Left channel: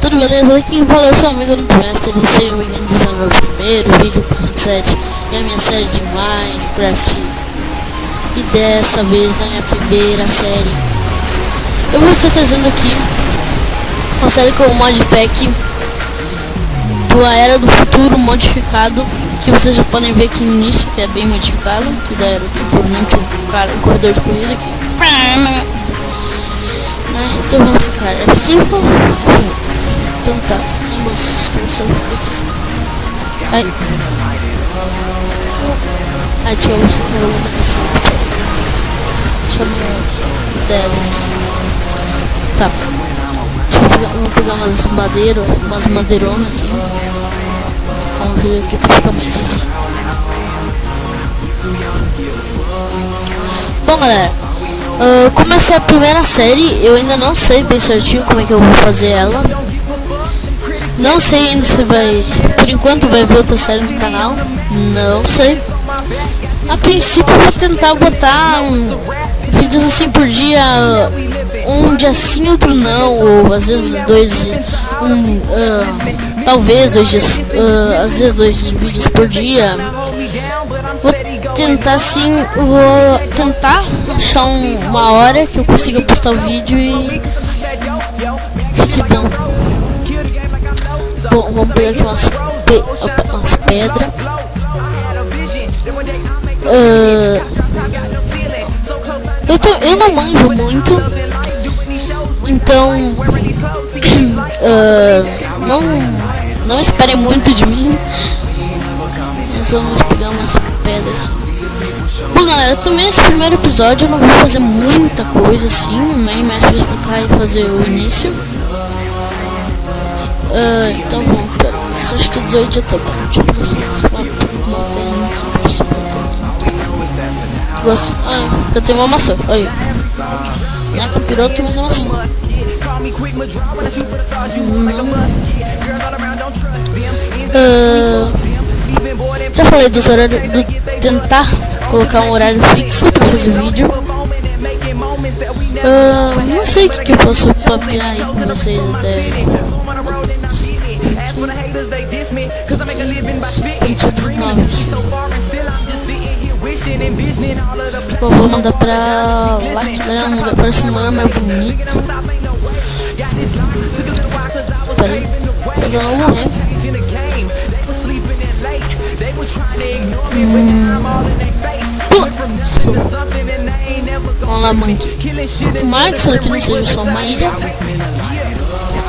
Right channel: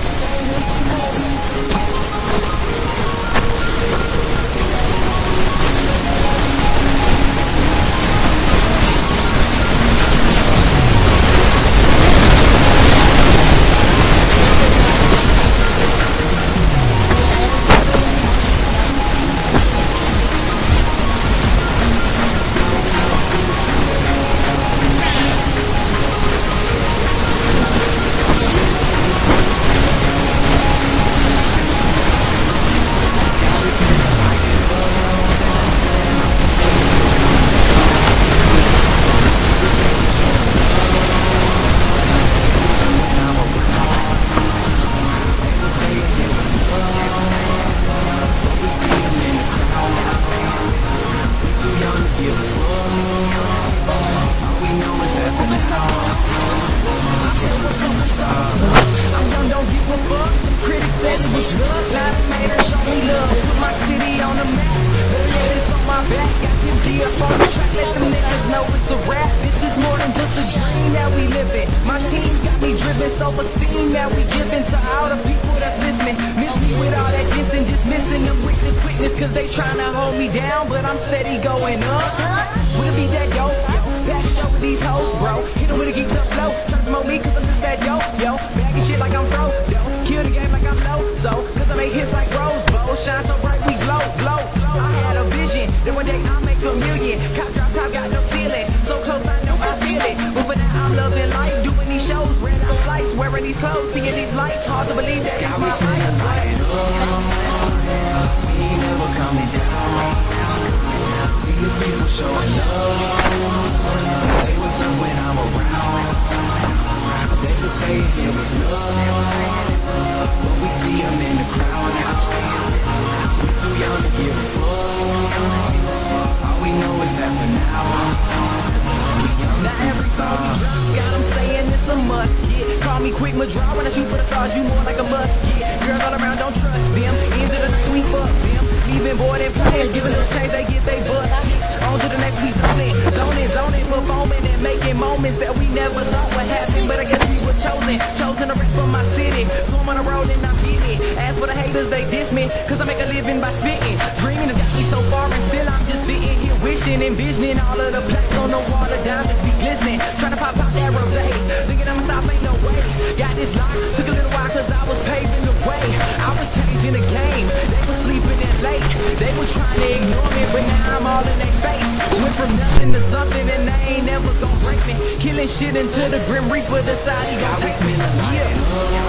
tudo beleza? Aqui fala eu sou amigo do Mestre e sejam bem-vindos ao meu primeiro vídeo com 7 em minha série de Minecraft. E dessa vez na minha primeira série eu vou estar trazendo aqui uma série com o modpack pela Era do Futuro modificado, que vocês já podem ver aqui no início, que é bem modificado, que é o cara do corredor de comida aqui. Então vamos ficar F5. Tá. Vamos pegar umas madeiras, umas madeironas aqui. Vamos ver aqui pra ficar mais assim. Bom, galera, como essa é a primeira série, eu ainda não sei bem certinho como é que eu vou fazer ela. Não sei ainda se vai, por enquanto vai ver outra série no canal, não sei. A princípio eu vou tentar botar vídeos assim por dia, um dia sim, outro não, ou às vezes talvez 2 dias, às vezes 2 vídeos por dia. Vou tentar sim, vou tentar achar uma hora que eu consiga postar o vídeo e fique bom. Bom, vou pegar aqui umas pedras. Eu não manjo muito, então não esperem muito de mim. Mas vamos pegar umas pedras. Bom, galera, também nesse primeiro episódio eu não vou fazer muita coisa assim, nem mais pra explicar e fazer o início. Então vamos, acho que 18 já tá bom. Deixa eu ver se gosto. Eu tenho uma maçã, olha. Já comprou outra, mas é uma maçã. Já falei desse horário de tentar colocar um horário fixo pra fazer vídeo. Não sei o que eu posso planear, não sei. Bom, vou mandar pra semana meu bonito. Vamos lá, mano. Tomara que isso aqui não seja só uma ilha.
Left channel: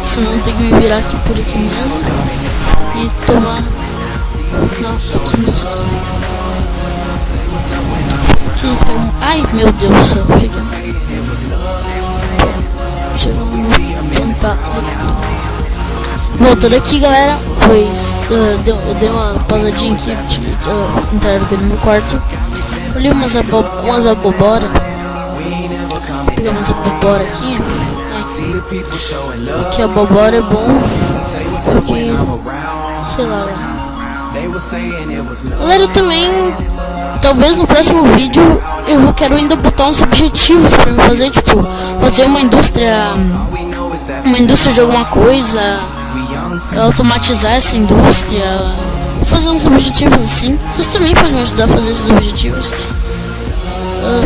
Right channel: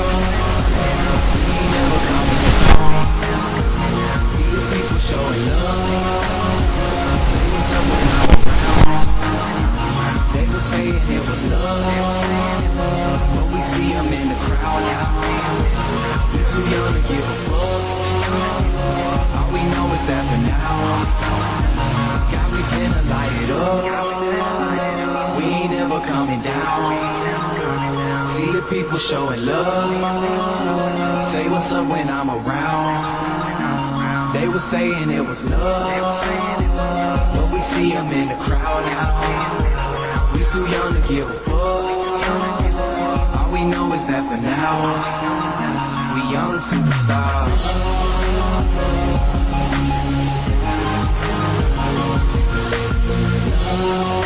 Senão tem que me virar aqui por aqui mesmo. E tomar aqui mesmo. Ai, meu Deus do céu. Fica. Deixa eu tentar. Voltando aqui, galera, pois deu uma pausadinha aqui, entraram aqui no meu quarto. Olhei umas abobora. Peguei umas abobora aqui. Que a abobora é bom. Porque, sei lá. Galera, também, talvez no próximo vídeo eu quero ainda botar uns objetivos pra me fazer, tipo, fazer uma indústria de alguma coisa. Automatizar essa indústria, fazer uns objetivos assim. Vocês também podem me ajudar a fazer esses objetivos.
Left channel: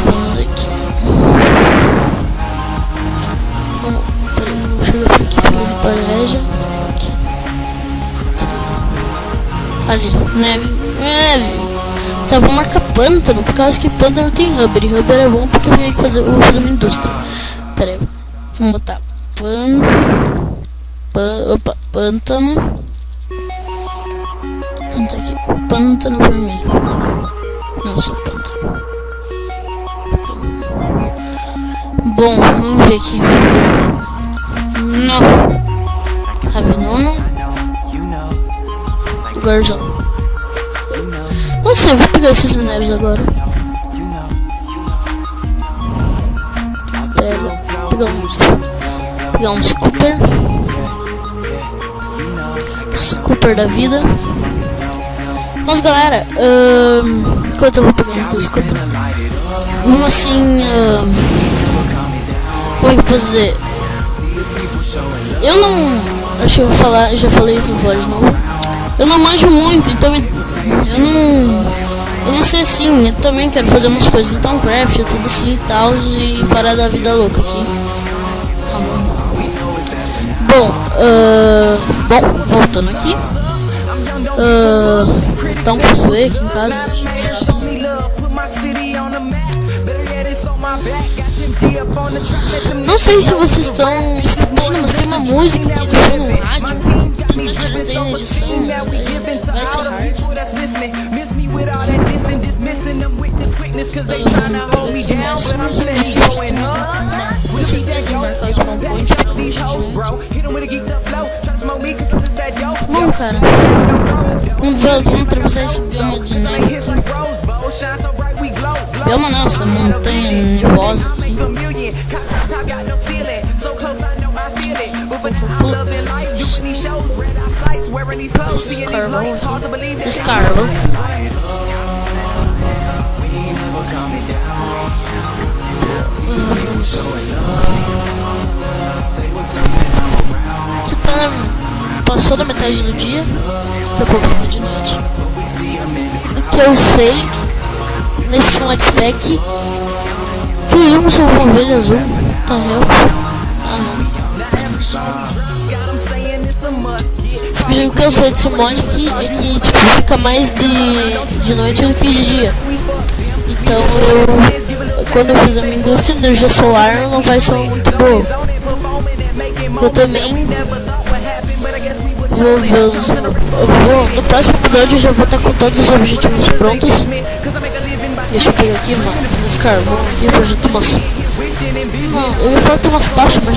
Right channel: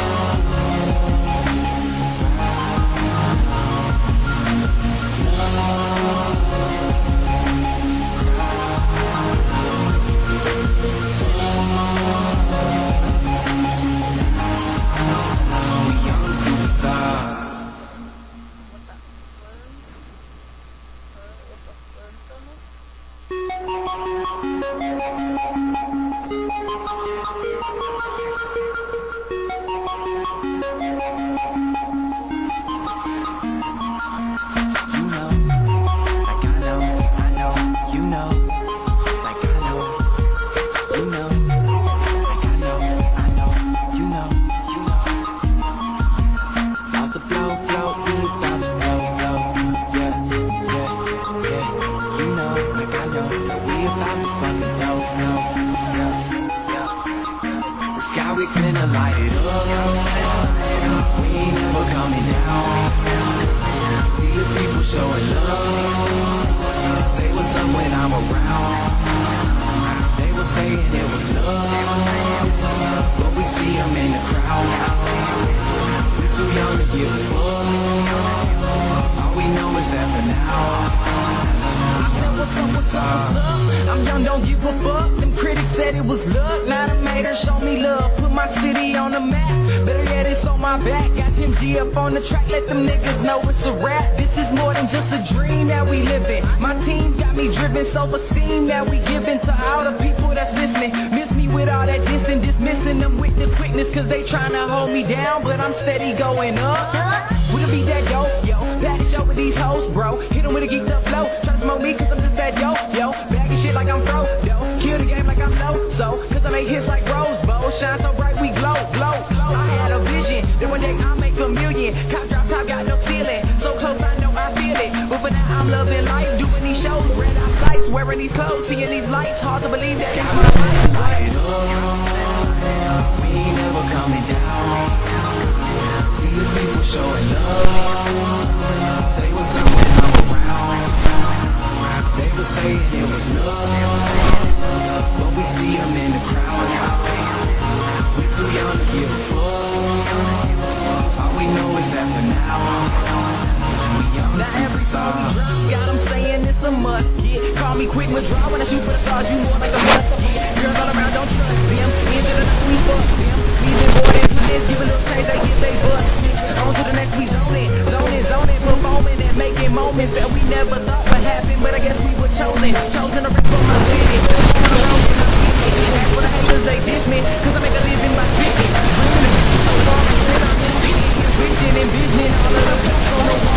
Vamos aqui. Deixa eu ver aqui. Tareja. Ali, neve. Tá, vou marcar pântano, porque eu acho que pântano tem rubber. E rubber é bom porque eu tenho que fazer uma indústria. Pera aí, vamos botar pântano. Onde é que pântano pra mim? Não, só pântano. Bom, vamos ver aqui. Não. Ravenona. Garzão. Não sei, eu vou pegar esses minérios agora. Pegar um scooper. Scooper da vida. Mas galera, enquanto eu vou pegar o scooper, vamos assim, como é que eu posso dizer? Eu não Acho que eu já falei isso fora de novo. Eu não manjo muito, então eu não sei assim. Eu também quero fazer umas coisas do Towncraft, tudo assim e tal, e parar da vida louca aqui. Bom, voltando aqui. Tá um fuzuê aqui em casa. Não sei se vocês estão escutando, mas tem uma música aqui no rádio. Não, cara. Vamos ver vocês. Vamos não, você não tem voz. Passou da metade do dia, daqui a pouco de noite. O que eu sei nesse modpack que eu não sou uma ovelha azul, tá vendo? Gente, eu sei desse mod que tipo, fica mais de noite do que de dia. Então, quando eu fiz a minha indústria de energia solar, não vai ser muito boa. Eu também no próximo episódio eu já vou estar com todos os objetivos prontos. Deixa eu ver aqui. Cara, eu projeto você. Eu vou ter umas taxas, mas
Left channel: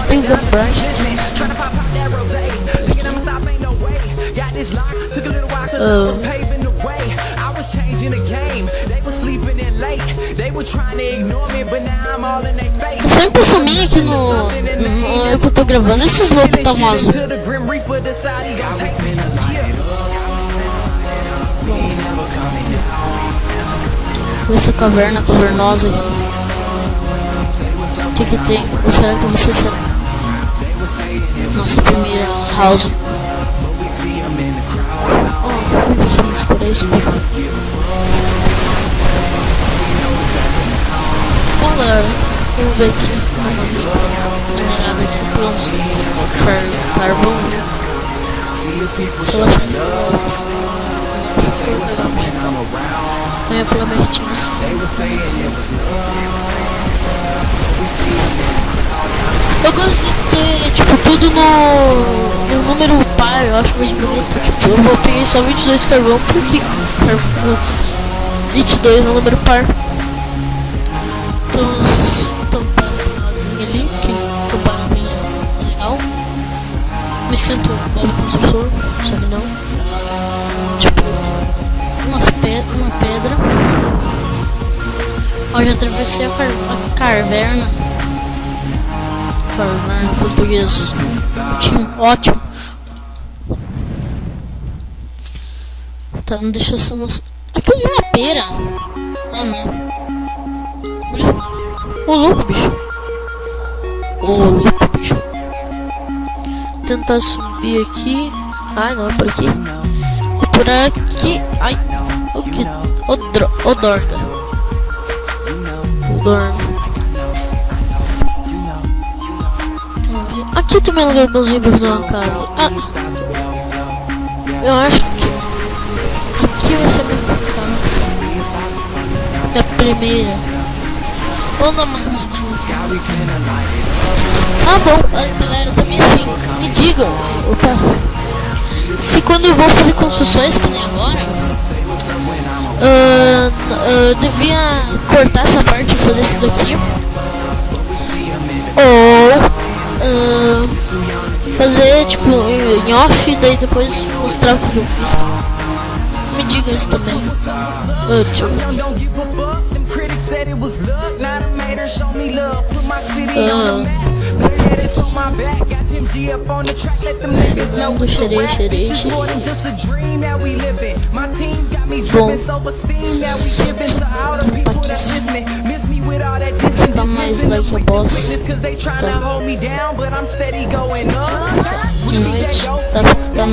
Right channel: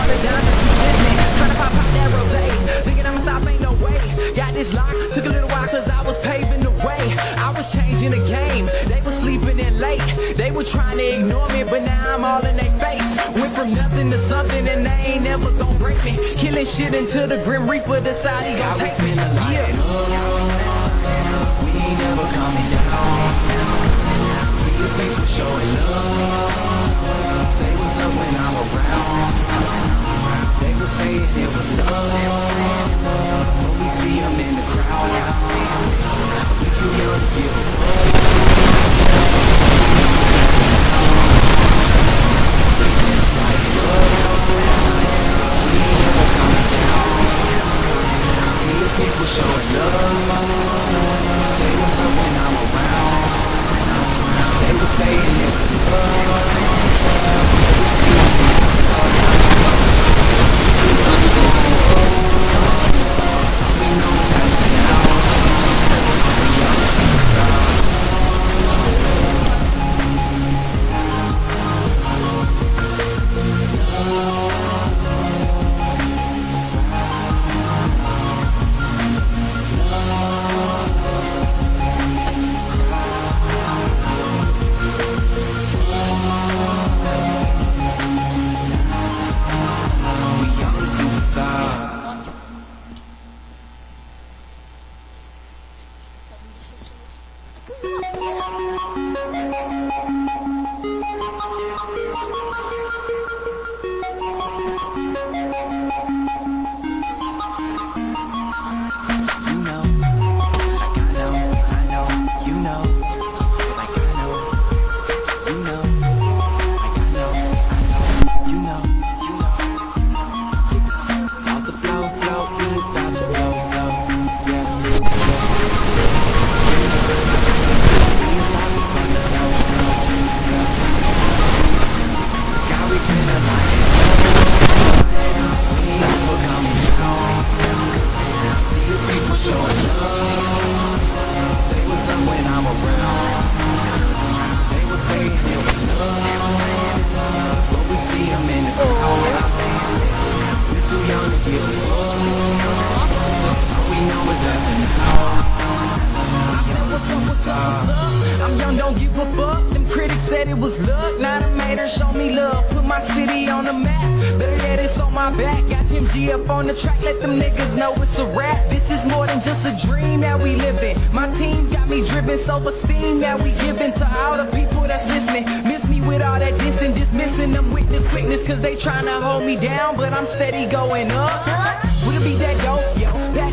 tem sempre sumi aqui no que eu tô gravando esses loucos tão azul. Essa caverna cavernosa. O que tem? Ou será que você sabe? Nossa primeira house. Vamos escolher isso. Vamos ver aqui. Eu gosto de tipo, tudo no número par, eu acho que eu botei só 22 que eu vou porque 22 no número par. Então ali, que o barulho é legal. Me sinto modo construtor, sabe não? Tipo, uma pedra. Eu já atravessei a caverna. Em português. Ótimo. Tá, não deixa eu só mostrar. Aquilo é uma pera. Ah, não. Ô, louco, bicho. Vou tentar subir aqui. Ai, não, por aqui. Por aqui. Ai, o que? O dorme. Aqui também é um lugar bonzinho pra fazer uma casa. Ah, eu acho que aqui nessa é a primeira. Ou não. Ah, bom, galera, também assim. Me digam, se quando eu vou fazer construções, que nem agora, eu devia cortar essa parte e fazer isso daqui. Ou fazer tipo em off e daí depois mostrar o que eu fiz. Me diga isso também. I'm young, don't give a fuck. Them critics said it was luck. Now the haters show me love. Put my city on the map. Better that it's on my back. Got Tim G up on the track. Let them niggas know it's a rap. This is more than just a dream that we living. My team's got me dripping self-esteem that we giving to all the people that's listening. Miss me with all that dissing, dismissing them with the quickness, cause they tryna hold me down, but I'm steady going up. We'll be that dope.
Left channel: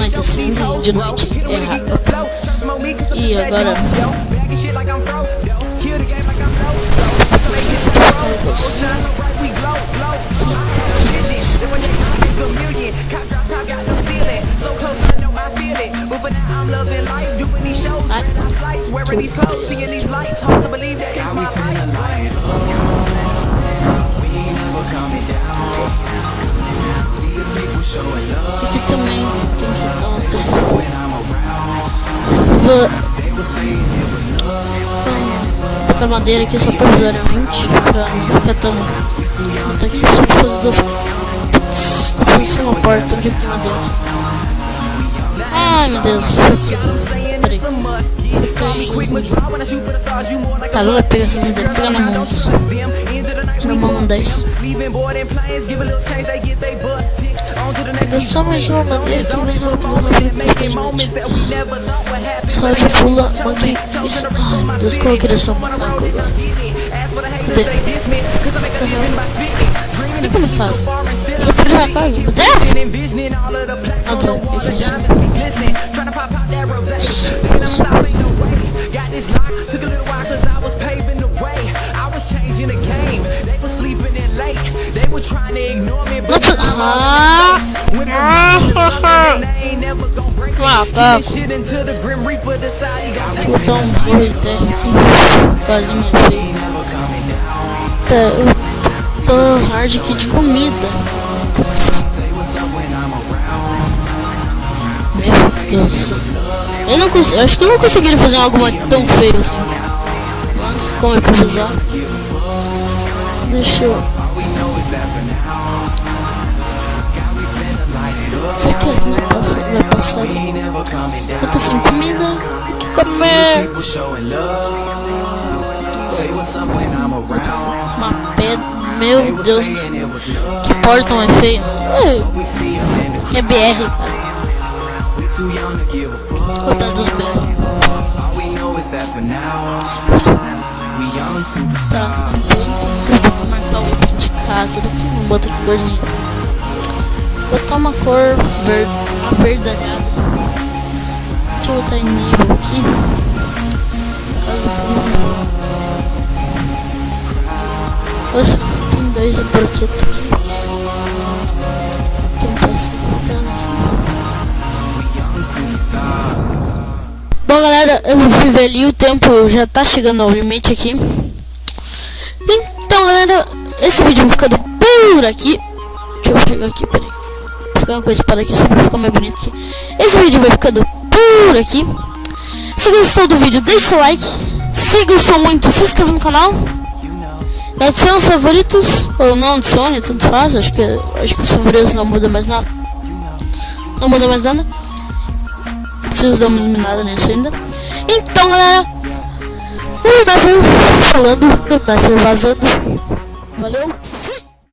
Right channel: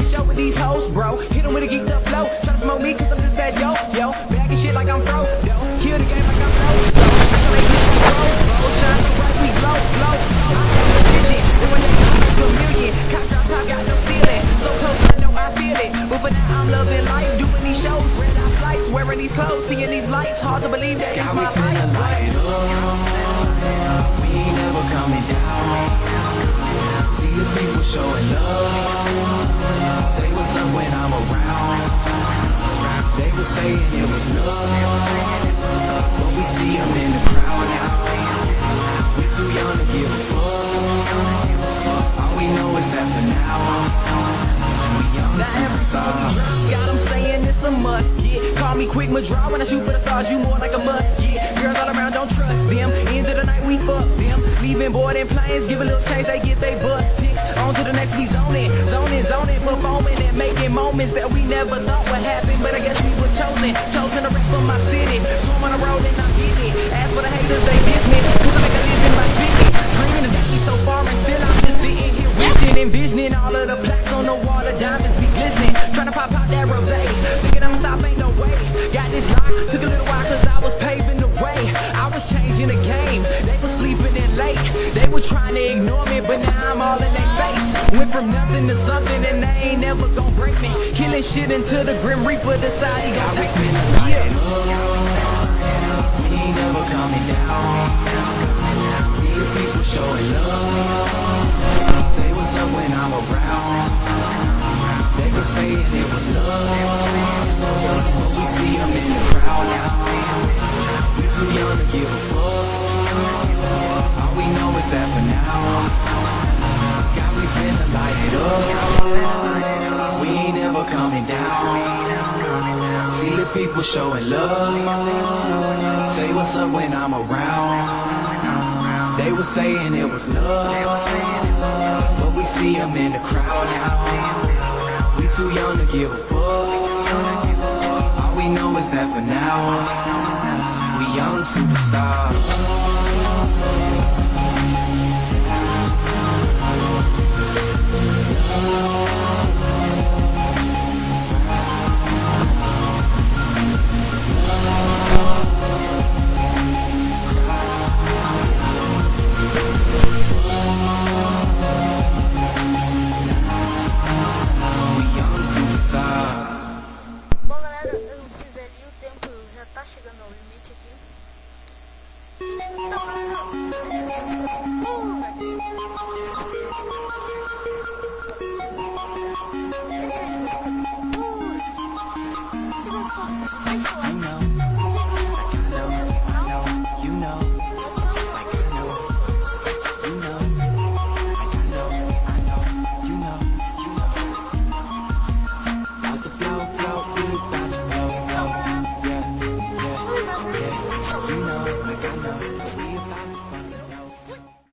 Show these hoes, bro. Hit 'em with a geek flow. Try to smoke me cause I'm that dope, yo. Bagging shit like I'm pro, yo. Kill the game like I'm pro. So they get so roll. Shine so bright, we glow, glow. I have a vision. And when they come, make a million. Cop drop top, got no ceiling. So close, I know I feel it. But for now, I'm loving life. Doing these shows, red eye flights, wearing these clothes, seeing these lights. Hard to believe that it's my life. We ain't never coming down. See the people showing love. Say what's up when I'm around. They were saying it was love. Outra madeira que é só pra usar 20 pra ficar tão. Tá aqui só pra duas. Putz, tem uma porta onde tem uma dentro. Ai meu Deus. Tá, não vai pegar essa vida. Vamos dar isso. Só mais envisioning all of the plaques on the wall, the diamonds be glistening. Tryna pop out that rose. Thinking I'm stop, ain't no way. Got this lock, took a little while cause I was paving the way. I was changing the game, they were sleeping in late. They were trying to ignore me, but I'm all in their face. Went from nothing to something and they ain't never gonna break me. Killing shit into the Grim Reaper, decide he gon' take me. He never coming down. Tô hard aqui de comida. Meu Deus. Eu acho que eu não conseguiria fazer algo tão feio assim. Mas como é previsão? Deixa eu. Isso aqui não passa, vai passar. Eu tô sem comida. Café. Uma pedra. Meu Deus. Que portão é feio. É BR. Coitado dos BR. Tá. Vou marcar um ponto de casa daqui. Vou botar aqui hoje. Vou botar uma cor verdanhada. Deixa eu botar em nível aqui. Oxe, tem dois brinquedos aqui. Tem dois Bom galera, eu vou ver ali, o tempo já tá chegando ao limite aqui. Então galera, esse vídeo vai ficando por aqui. Deixa eu pegar aqui, peraí. Vou ficar uma coisa para aqui só pra ficar mais bonito aqui. Esse vídeo vai ficando por aqui. Se gostou do vídeo, deixa o like. Se gostou muito, se inscreva no canal. Adicione os favoritos, ou não adicione, tanto faz. Acho que os favoritos não mudam mais nada. Não muda mais nada. Não preciso dar uma eliminada nisso ainda. Então galera, o Master falando, o Master vazando. Valeu.